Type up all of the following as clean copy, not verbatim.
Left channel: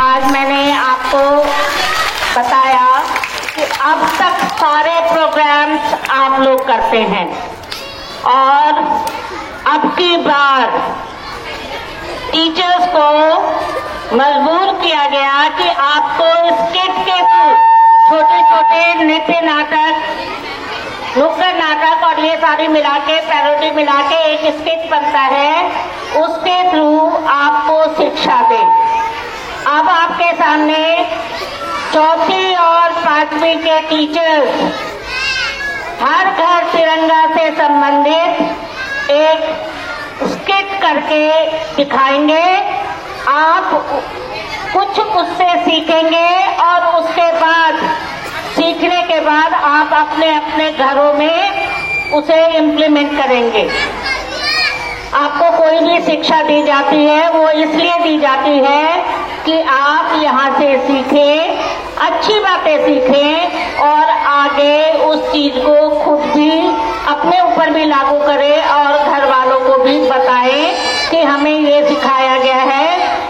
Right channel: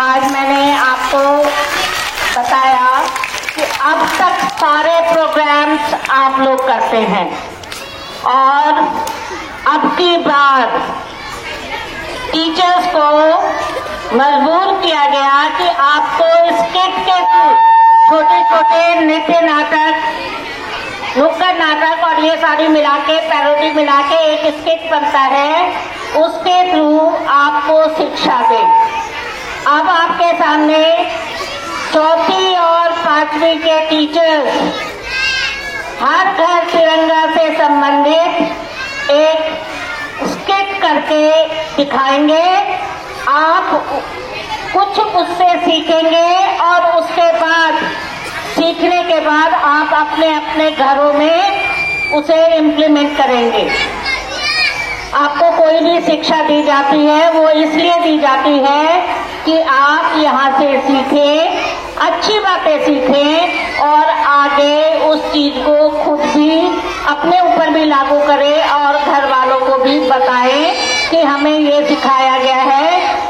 आज मैंने आपको बताया कि अब तक सारे प्रोग्राम्स आप लोग करते हैं और अब की बार टीचर्स को मजबूर किया गया कि आपको स्किट के थ्रू छोटे छोटे नृत्य नाटक, नुक्कड़ नाटक और ये सारी मिला के पैरोडी मिला के एक स्किट बनता है, उसके थ्रू आपको शिक्षा दें। अब आपके सामने चौथी और पांचवी के टीचर्स हर घर तिरंगा से संबंधित एक स्किट करके दिखाएंगे। आप कुछ उससे सीखेंगे और उसके बाद सीखने के बाद आप अपने अपने घरों में उसे इम्प्लीमेंट करेंगे। आपको कोई भी शिक्षा दी जाती है वो इसलिए दी जाती है कि आप यहाँ से सीखें, अच्छी बातें सीखें और आगे उस चीज को खुद भी अपने ऊपर भी लागू करें और घर वालों को भी बताएं कि हमें ये सिखाया गया है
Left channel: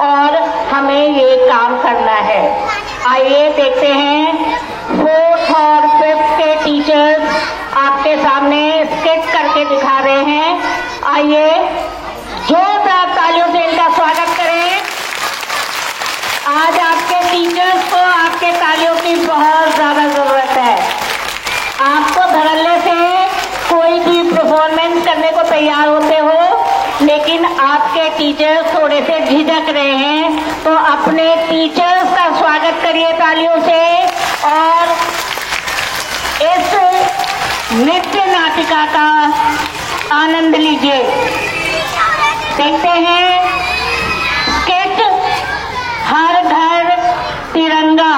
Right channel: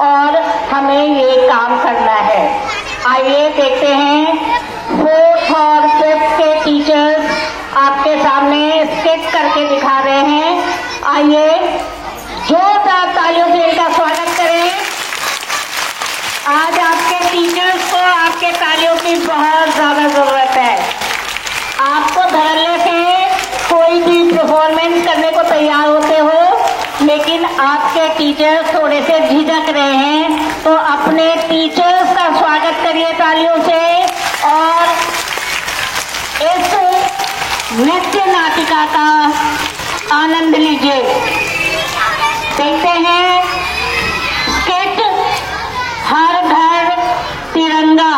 और हमें ये काम करना है। आइए देखते हैं 4th और 5th के टीचर्स आपके सामने स्किट करके दिखा रहे हैं। आइए जोरदार तालियों से इनका स्वागत करें। आज आपके टीचर्स को आपके तालियों की बहुत ज्यादा जरूरत है। आपको धड़ल्ले से कोई भी परफॉर्मेंस करने को तैयार होते हो, लेकिन आपके टीचर्स थोड़े से झिझक रहे हैं, तो अपने टीचर्स का स्वागत करिए तालियों से और इस नृत्य नाटिका का आनंद लीजिए। देखते हैं स्किट हर घर तिरंगा।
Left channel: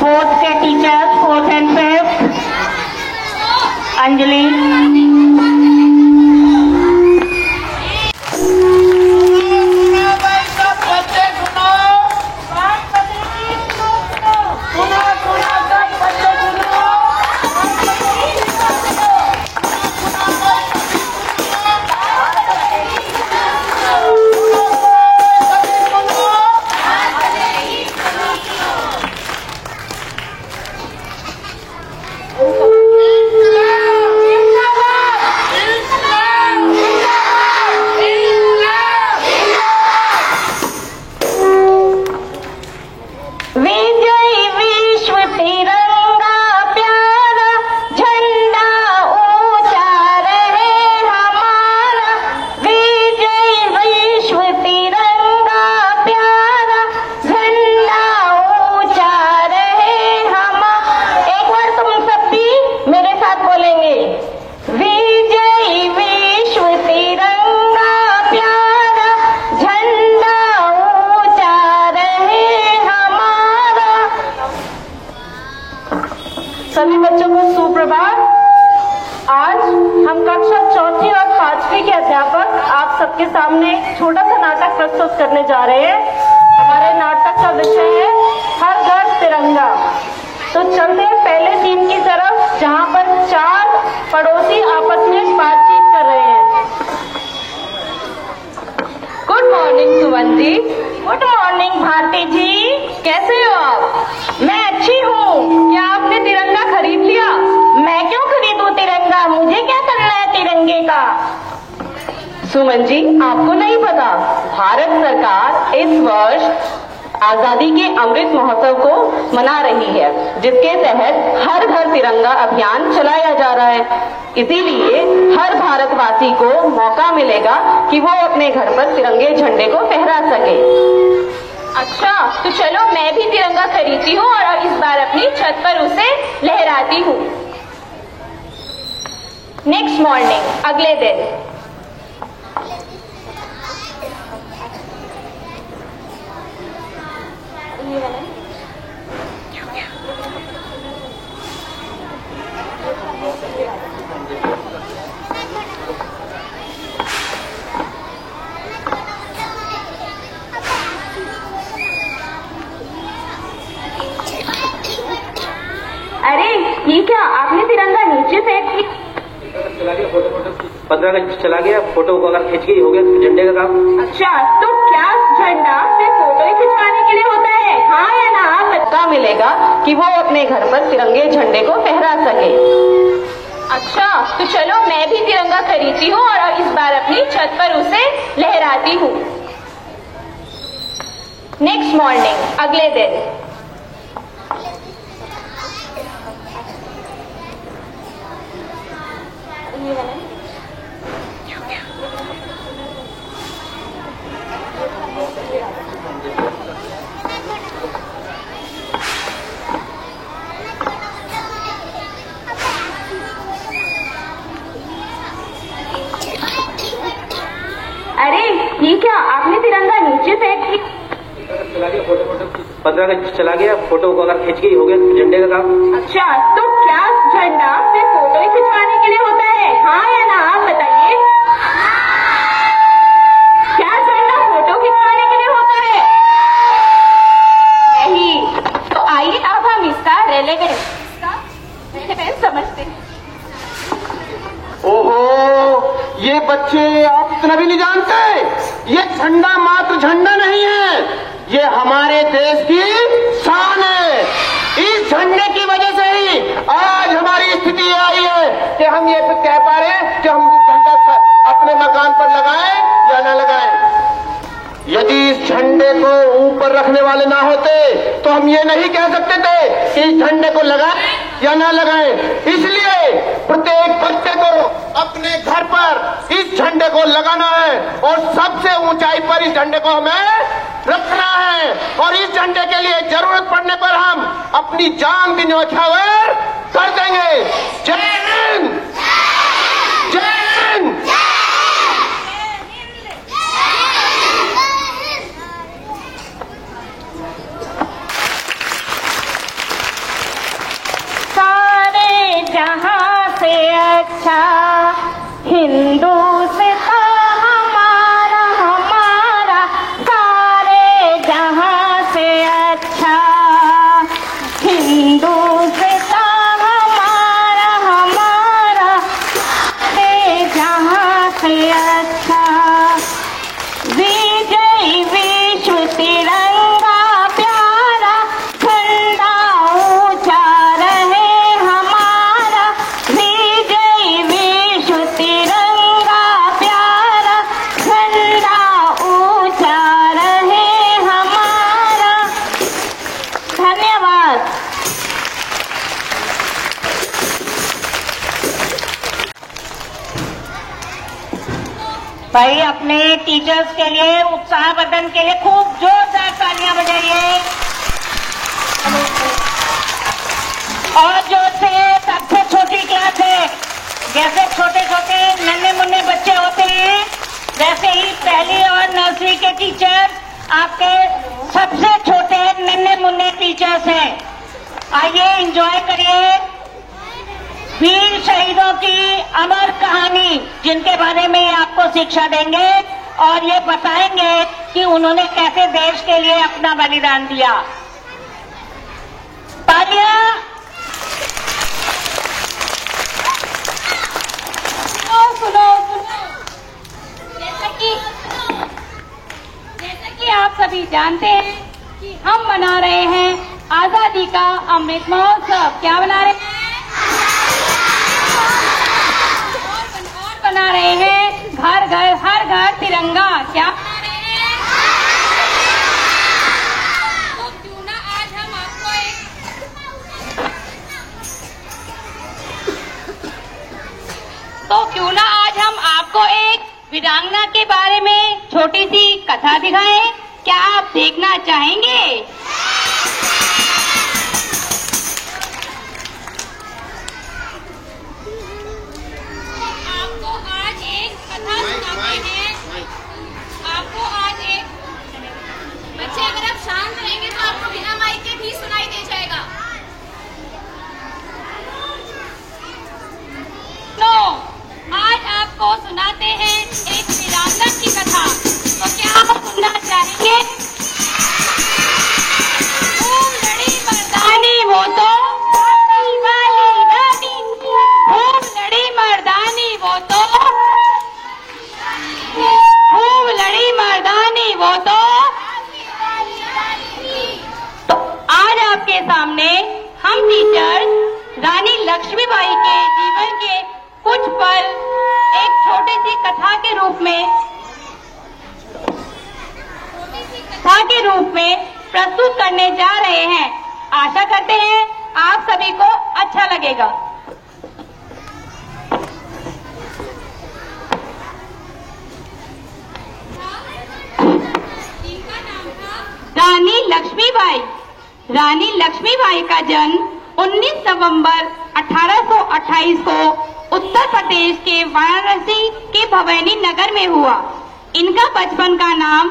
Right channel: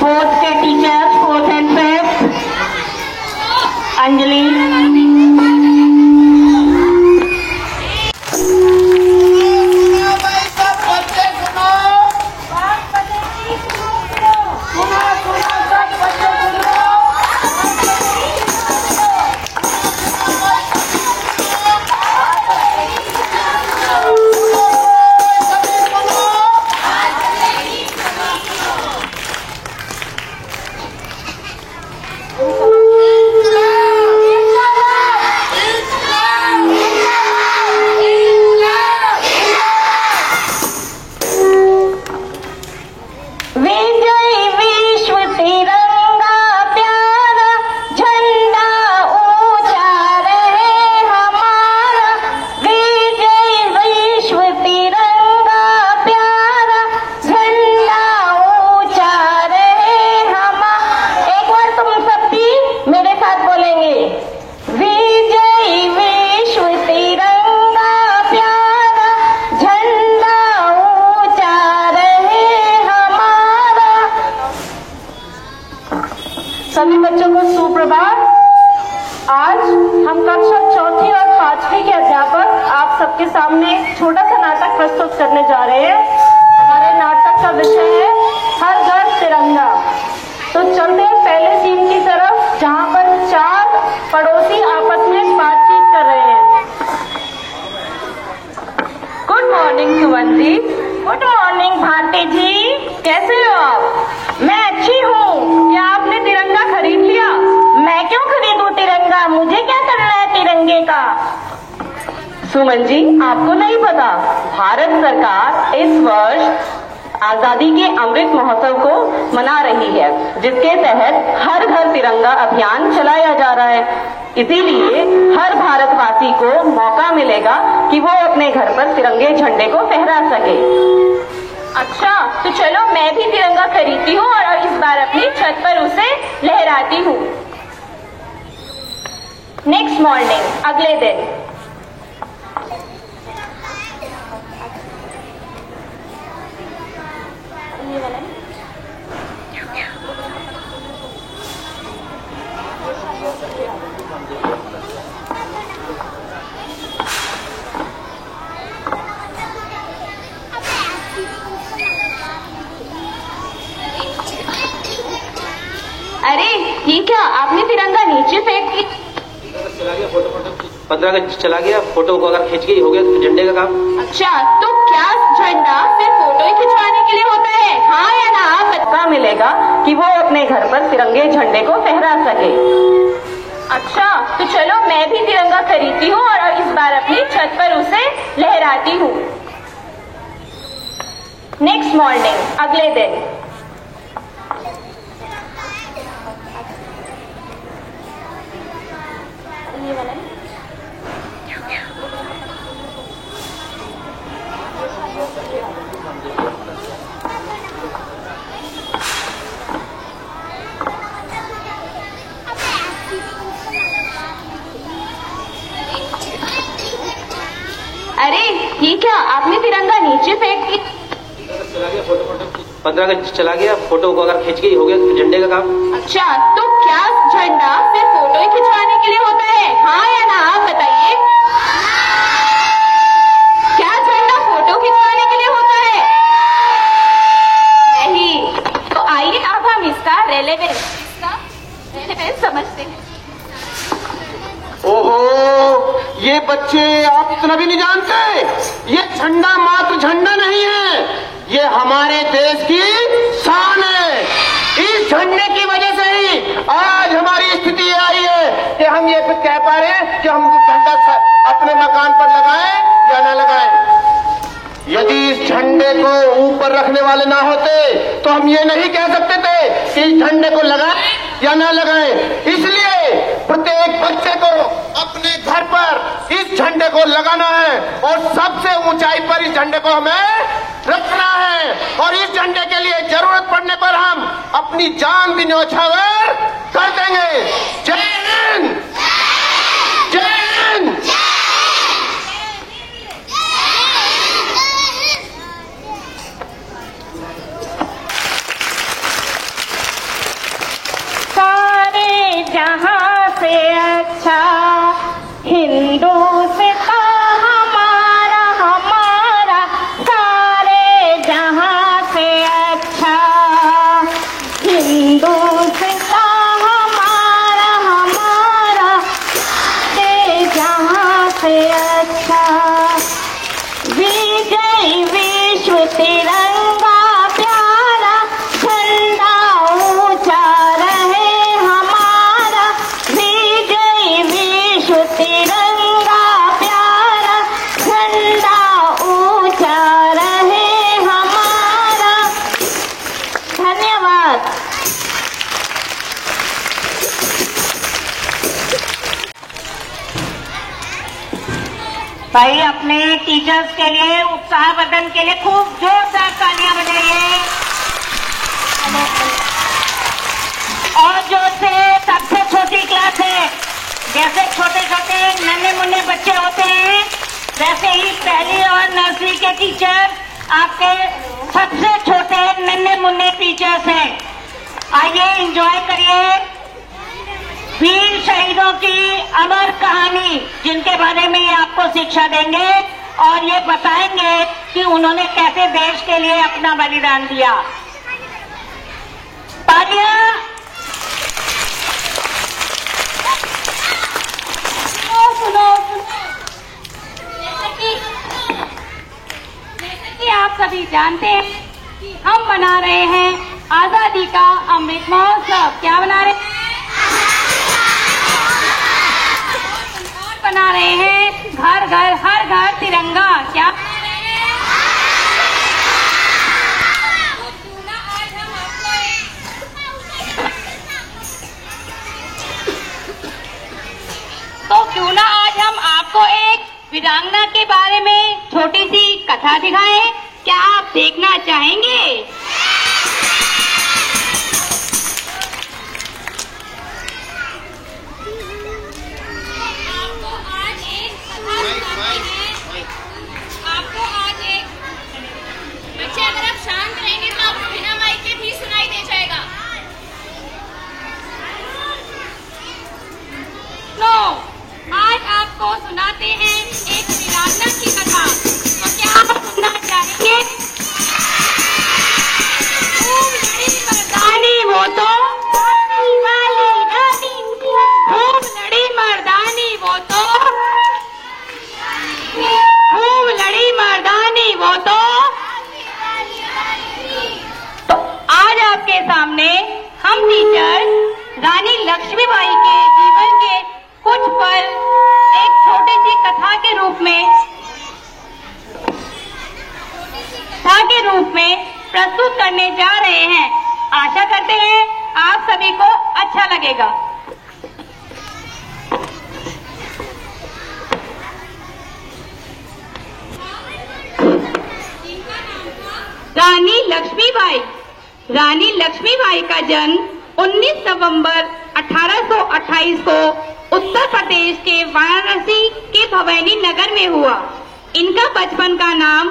4th के teacher 4th and 5th Anjali. सभी बच्चों को सुप्रभात। आज हम कक्षा 4th और 5वीं के अध्यापक आप सबके सामने छोटा सा नाटक प्रस्तुत करने जा रहे हैं। हमारे नाटक का विषय है हर घर तिरंगा। तो चलते हैं पहले सीन की तरफ, जहाँ पर 4 पड़ोसी आपस में बातचीत कर रहे हैं। Good morning Suman ji. Good morning Bharti जी, कैसे हो आप? मैं अच्छी हूँ। क्या आपने तिरंगा खरीद लिया? मैं क्यों खरीदूं तिरंगा, मुझे क्या करना है तिरंगे का? सुमन जी, आपको नहीं पता, भारत सरकार इस वर्ष आजादी के अमृत महोत्सव को मना रही है, जिसके तहत हर घर तिरंगा अभियान चलाया जा रहा है। इसीलिए हर भारतवासी को मौका मिलेगा कि वो अपने घर पर तिरंगे झंडे को फहरा सके। अच्छा, तो चलो मैं भी तिरंगा खरीदती हूँ और इस बार अपनी छत पर उसे लहराती हूँ। नेक्स्ट मॉर्निंग, अगले दिन। अरे ये क्या, आपने तिरंगा नीचे फेंक दी? चला गया फोटो 15 अगस्त चला गया, फोटो को अगर खींच गई हो गया तो झंडे का काम। अच्छा, तो क्या झंडा सिर्फ फोटो ही खिंचवाने के लिए होता है, हाँ या ना? आप पता मिलेगा कि वो अपने घर पर तिरंगे झंडे को फहरा सके। अच्छा, तो चलो मैं भी तिरंगा खरीदती हूँ और इस बार अपनी छत पर उसे लहराती हूँ। नेक्स्ट मॉर्निंग, अगले दिन। अरे ये क्या, आपने तिरंगा नीचे फेंक दिया? चला गया फोटो 15 अगस्त चला गया, फोटो को अगर खींच के ही हो गया तो झंडे का काम। अच्छा, तो क्या झंडा सिर्फ फोटो ही खिंचवाने के लिए होता है, हाँ या ना? आप बताइए, क्या झंडा फोटो खिंचवाने के लिए होता है? नहीं। तो आइए अब हम इसका रेलेवेंस समझते हैं। ओहो, ये बच्चे आप इतना भी नहीं जानते। ये झंडा मात्र झंडा नहीं है, ये हमारे देश की शान है। इस झंडे की वजह से ही आज हमारी स्थिति आई है कि हम ये कह पा रहे हैं कि हम झंडा अपने मकान पर लगाएं या न लगाएं। यदि इस झंडे को ऊपर रखने वाले ना होते तो हम ये नहीं कह सकते थे कि इस झंडे को लगाएं या ना लगाएं। इसलिए प्रत्येक बच्चे को अपने घर पर इस झंडे को लगाना है और सबसे ऊंचाई पर इस झंडे को हमें रखना है। और इस झंडे के लिए जरूरत पड़ने पर हम अपनी जान भी न्यौछावर कर देंगे। जय हिंद, जय हिंद। सारे जहां से अच्छा हिंदुस्तान हमारा, हमारा सारे जहां से अच्छा हिंदुस्तान हमारा, हमारा सारे जहां से अच्छा। विजय विश्व तिरंगा प्यारा, झंडा ऊंचा रहे हमारा। विजय विश्व तिरंगा प्यारा, झंडा ऊंचा रहे हमारा। धन्यवाद। भाई अपने टीचर्स के लिए, उत्साहवर्धन के लिए खूब जोरदार तालियां बजाइए। और जो से सबसे छोटी क्लास है, जैसे छोटे छोटे नन्हे मुन्ने बच्चे होते हैं, जैसे ही पहली और नर्सरी के टीचर आपके सबसे छोटे नन्हे मुन्ने टीचर्स हैं। आइए एंजॉय करिए वीर शहीदों की अमर कहानी, जिनके बारे में आपको शिक्षा देंगे और ये बताएंगे कि उन्होंने कैसे देश के लिए अपना बलिदान दिया। तालियां। सुनो, जैसे कि आप सभी जानते हैं कि हम मना रहे हैं आजादी का अमृत महोत्सव। क्या बना रहे हैं? बना रहे हैं घर घर हर घर तिरंगा। क्या तो क्यों ना आज हम आपको एक वीरांगना के बारे में छोटी सी कथा दिखाएं। क्या आप देखना चाहेंगे? आपको आज एक बच्चे, अगर आप शांत रहेंगे तो आपको बिना माइक के भी सुनाई दे जाएगा। तो आज आपको सुनाते हैं एक वीरांगना की कथा। तो क्या आप सुनना चाहेंगे? खूब लड़ी मर्दानी वो तो वाली रानी, खूब लड़ी मर्दानी वो तो, खूब लड़ी मर्दानी वो तो लक्ष्मीबाई के जीवन के कुछ पल एक छोटी सी कथा के रूप में प्रस्तुत करने जा रहे हैं। आशा करते हैं आप सभी को अच्छा लगेगा। रानी लक्ष्मीबाई। रानी लक्ष्मीबाई का जन्म 19 नवंबर 1828 को उत्तर प्रदेश के वाराणसी के भवैनी नगर में हुआ। इनका बचपन का नाम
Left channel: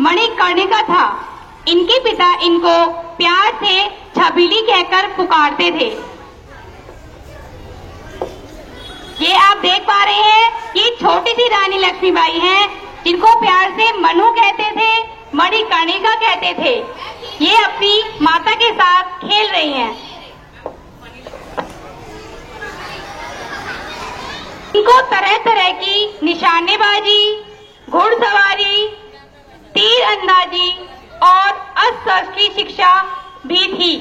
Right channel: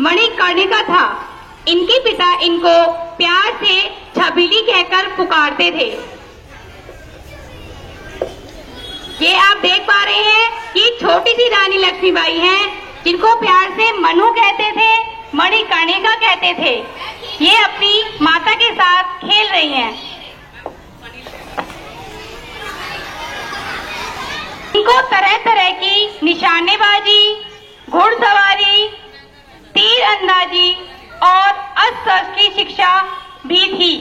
मणिकर्णिका था। इनके पिता इनको प्यार से छबीली कहकर पुकारते थे। ये आप देख पा रहे हैं, ये छोटी सी रानी लक्ष्मीबाई हैं, जिनको प्यार से मनु कहते थे, मणिकर्णिका कहते थे। ये अपनी माता के साथ खेल रही हैं। इनको तरह तरह की निशानेबाजी, घुड़सवारी, तीर अंदाजी और अस्त्र की शिक्षा भी थी।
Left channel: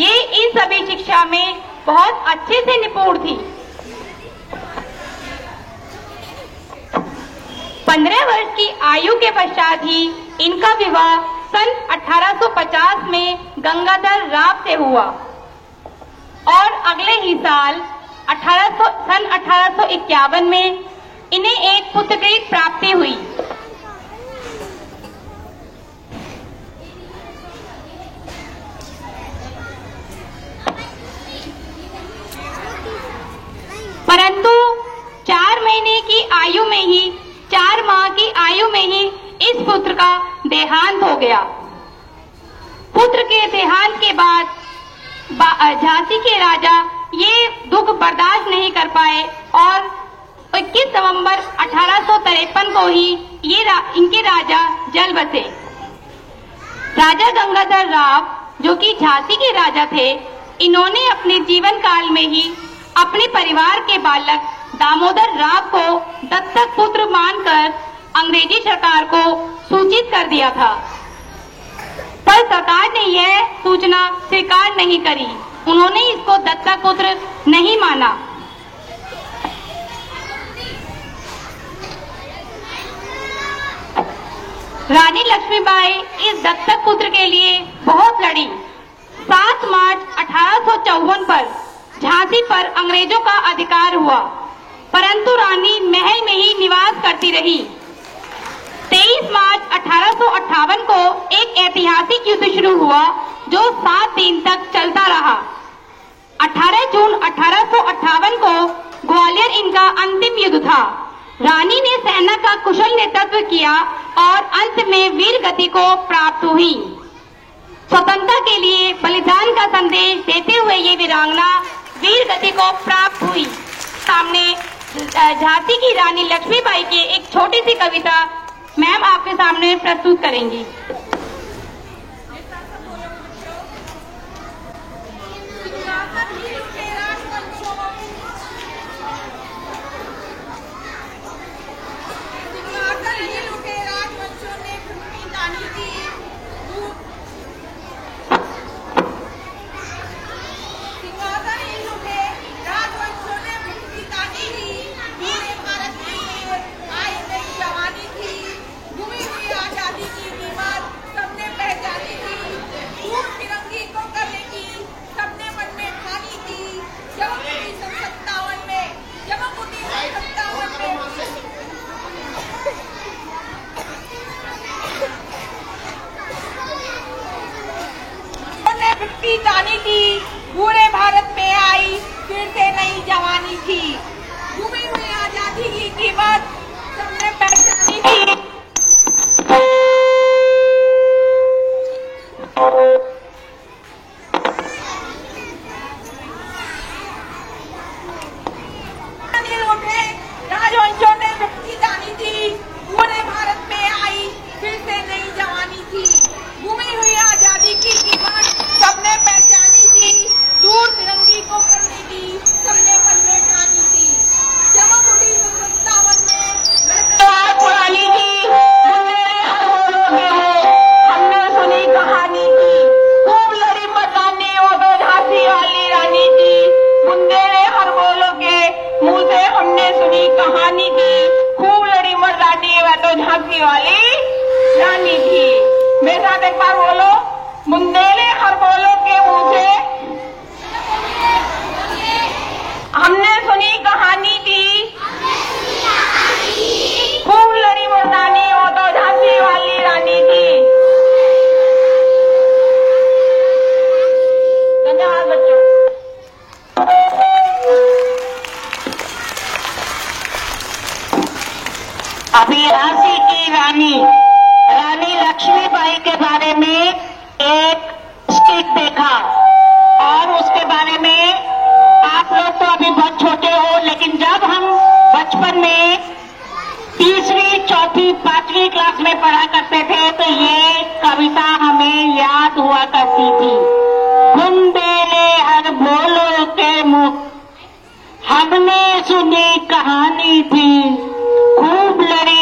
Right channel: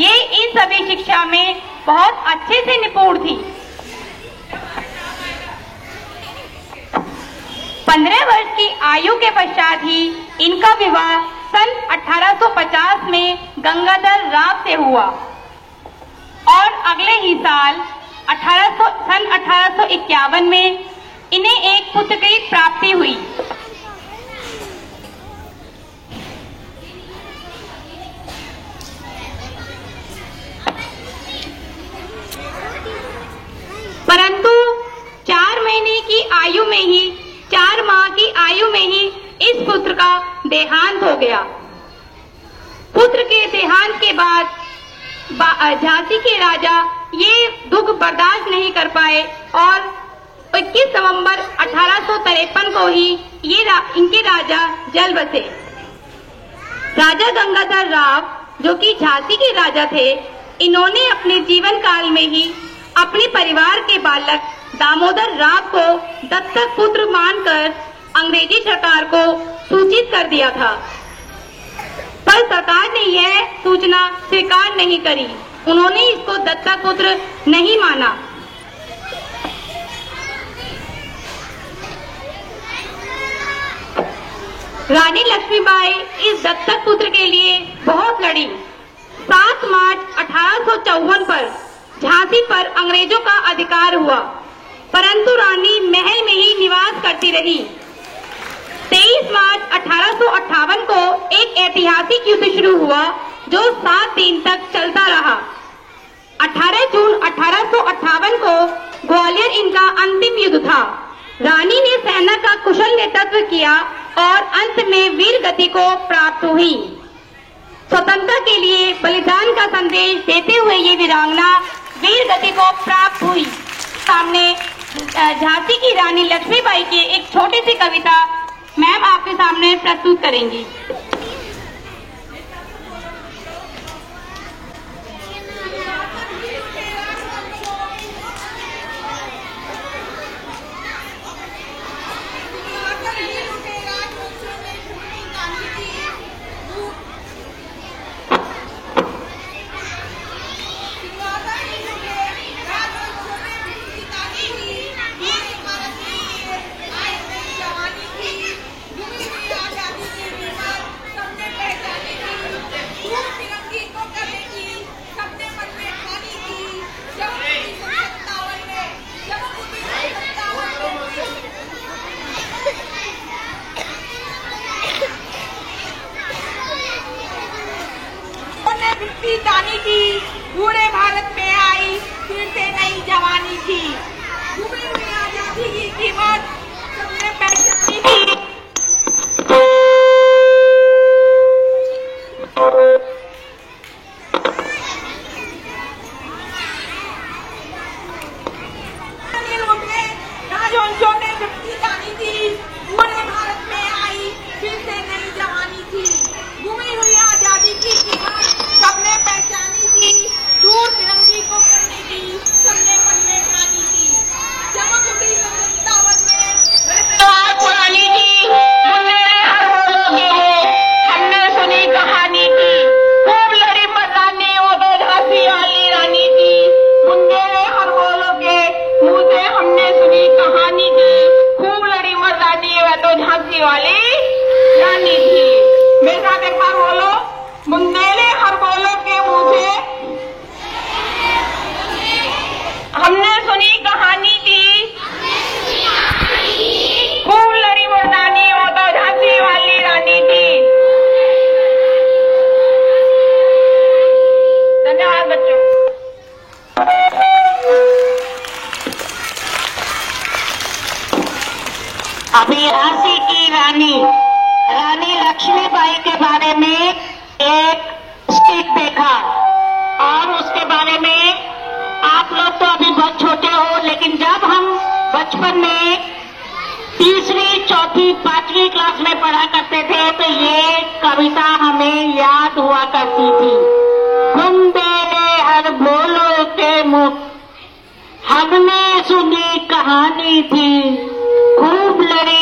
ये इन सभी शिक्षा में बहुत अच्छे से निपुण थी। 15 वर्ष की आयु के पश्चात ही इनका विवाह सन 1850 में गंगाधर राव से हुआ और अगले ही साल सन 1851 में इन्हें एक पुत्र की प्राप्ति हुई। परंतु 4 माह की आयु में ही इस पुत्र का देहांत हो गया। पुत्र के देहांत के बाद झांसी के राजा ये दुख बर्दाश्त नहीं कर पाए और 21 नवंबर 1853 को ही इनके राजा जल बसे। राजा गंगाधर राव, जो कि झांसी के राजा थे, इन्होंने अपने जीवन काल में ही अपने परिवार के बालक दामोदर राव को दत्तक पुत्र मानकर अंग्रेजी सरकार को सूचित कर दिया था, पर सरकार ने यह सूचना स्वीकार नहीं करी। उन्होंने इसको दत्तक पुत्र नहीं माना। रानी लक्ष्मीबाई इस दत्तक पुत्र के लिए बहुत लड़ी। 7 मार्च 1854 पर झांसी पर अंग्रेजों का अधिकार हुआ, परंतु रानी महल में ही निवास करती रही। 23 मार्च 1858 को एक ऐतिहासिक युद्ध शुरू हुआ जो 7 दिन तक चलता रहा। 18 जून 1858 को ग्वालियर इनका अंतिम युद्ध था। रानी ने सेना का कुशल नेतृत्व किया और अंत में वीर गति को प्राप्त हुई। स्वतंत्रता के लिए बलिदान का संदेश देते हुए ये वीरांगना वीर गति को प्राप्त हुई। सामने झांसी की रानी लक्ष्मीबाई की एक छोटी सी कविता मैम आपके सामने प्रस्तुत करेंगी। जानी थी, पूरे भारत में आई, फिर से नई जवानी थी। घूमी हुई आजादी की कीमत सबने पहचानी थी। राजवंशों ने वृत्ति जानी थी, पूरे भारत में आई, फिर से नई जवानी थी। घूमी हुई आजादी की कीमत सबने पहचानी थी। दूर तिरंगी को करने की सबने मन में ठानी थी। चमक उठी वृंदावन में पुरानी थी, हमने सुनी कहानी की, खूब लड़ी मर्दानी वो तो झांसी वाली रानी थी। अभी झांसी की रानी लक्ष्मीबाई के बारे में एक स्किट देखा और उसके बारे में आप लोग तो अभी बहुत छोटे हो, लेकिन जब हम बचपन में तीसरी, चौथी, 5वीं क्लास में पढ़ा करते थे तो ये कविता हमें याद हुआ करती थी। बुंदेले हर बोलो के मुख, हमने सुनी कहानी थी, खूब लड़ी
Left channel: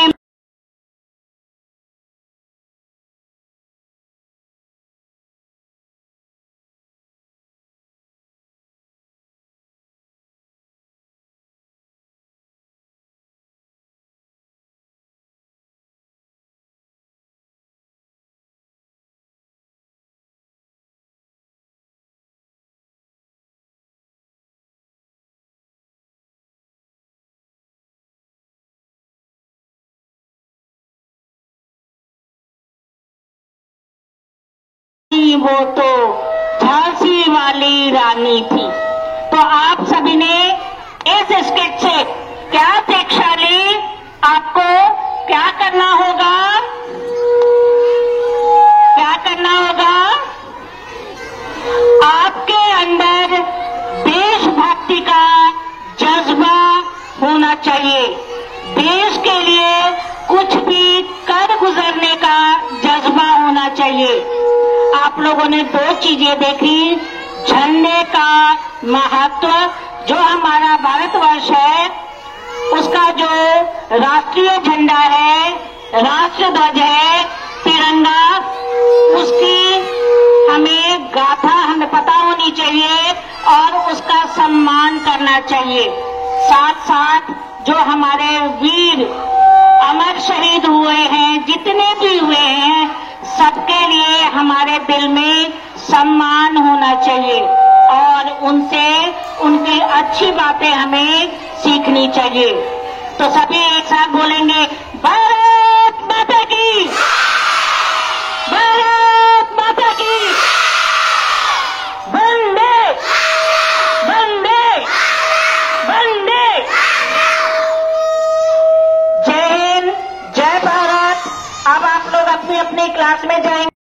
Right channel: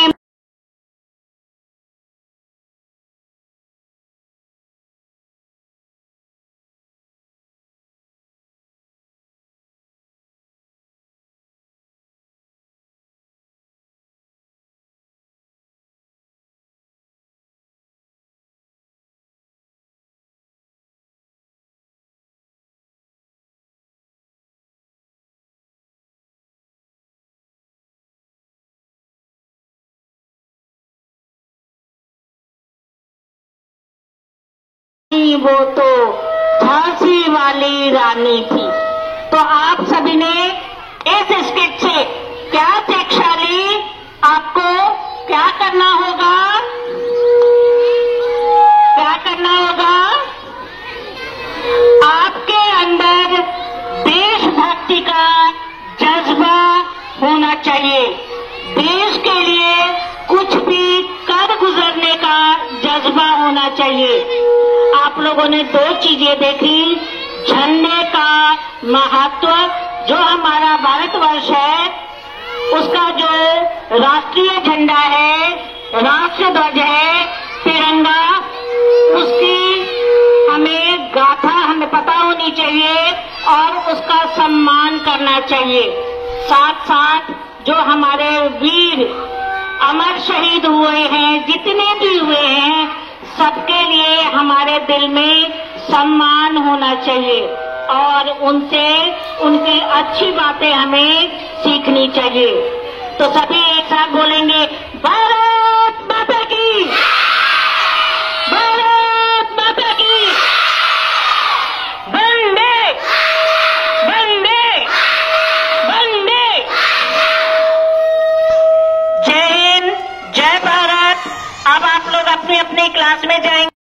वो तो झांसी वाली रानी थी। तो आप सभी ने इस स्किट से क्या अपेक्षा ली? आपको क्या करना होगा? क्या करना होगा? आपके अंदर देशभक्ति का जज्बा होना चाहिए। देश के लिए कुछ भी कर गुजरने का जज्बा होना चाहिए। आप लोगों ने 2 चीजें देखी, झंडे का महत्व, जो हमारा भारतवर्ष है उसका जो राष्ट्रीय झंडा है, राष्ट्र ध्वज है, तिरंगा, उसकी हमें गाथा हमें पता होनी चाहिए और उसका सम्मान करना चाहिए। साथ साथ जो हमारे वीर अमर शहीद हुए हैं, जितने भी हुए हैं, सबके लिए हमारे दिल में सम्मान होना चाहिए और उनसे उनकी अच्छी बातें हमें सीखनी चाहिए। तो सभी एक साथ बोलेंगे, भारत माता की, भारत माता की, वंदे वंदे वंदे। जय हिंद, जय भारत। अब आप लोग अपनी अपनी क्लास में जाएंगे।